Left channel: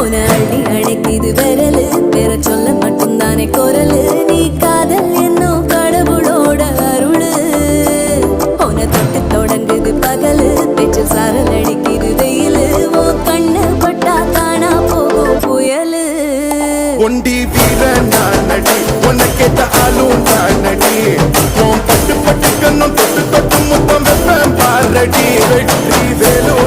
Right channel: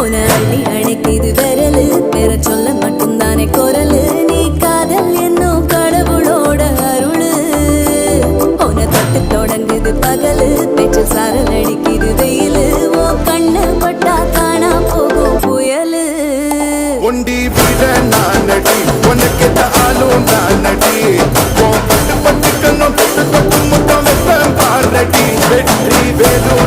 உன அள்ளி அணைக்குது விரலு பெற சொல்ல மட்டும்தானே குரலு நீ காதல் என்னும் கடவுளோட அருளு உன தொட்டு தொடங்குது பகலு பேச்சில் சாரல் அடிக்குது வெயிலு ஓ கண்ணு பட்டா காணா போகும் புயலு ஒண்டி வீரன் நானடி உனக்கேத்த ஆளும் நானடி பட்டு பட்டு கண்ணம் தொட்டு தொட்டு முத்தம் வெப்பம் பாரடி வெற்றி வேணும்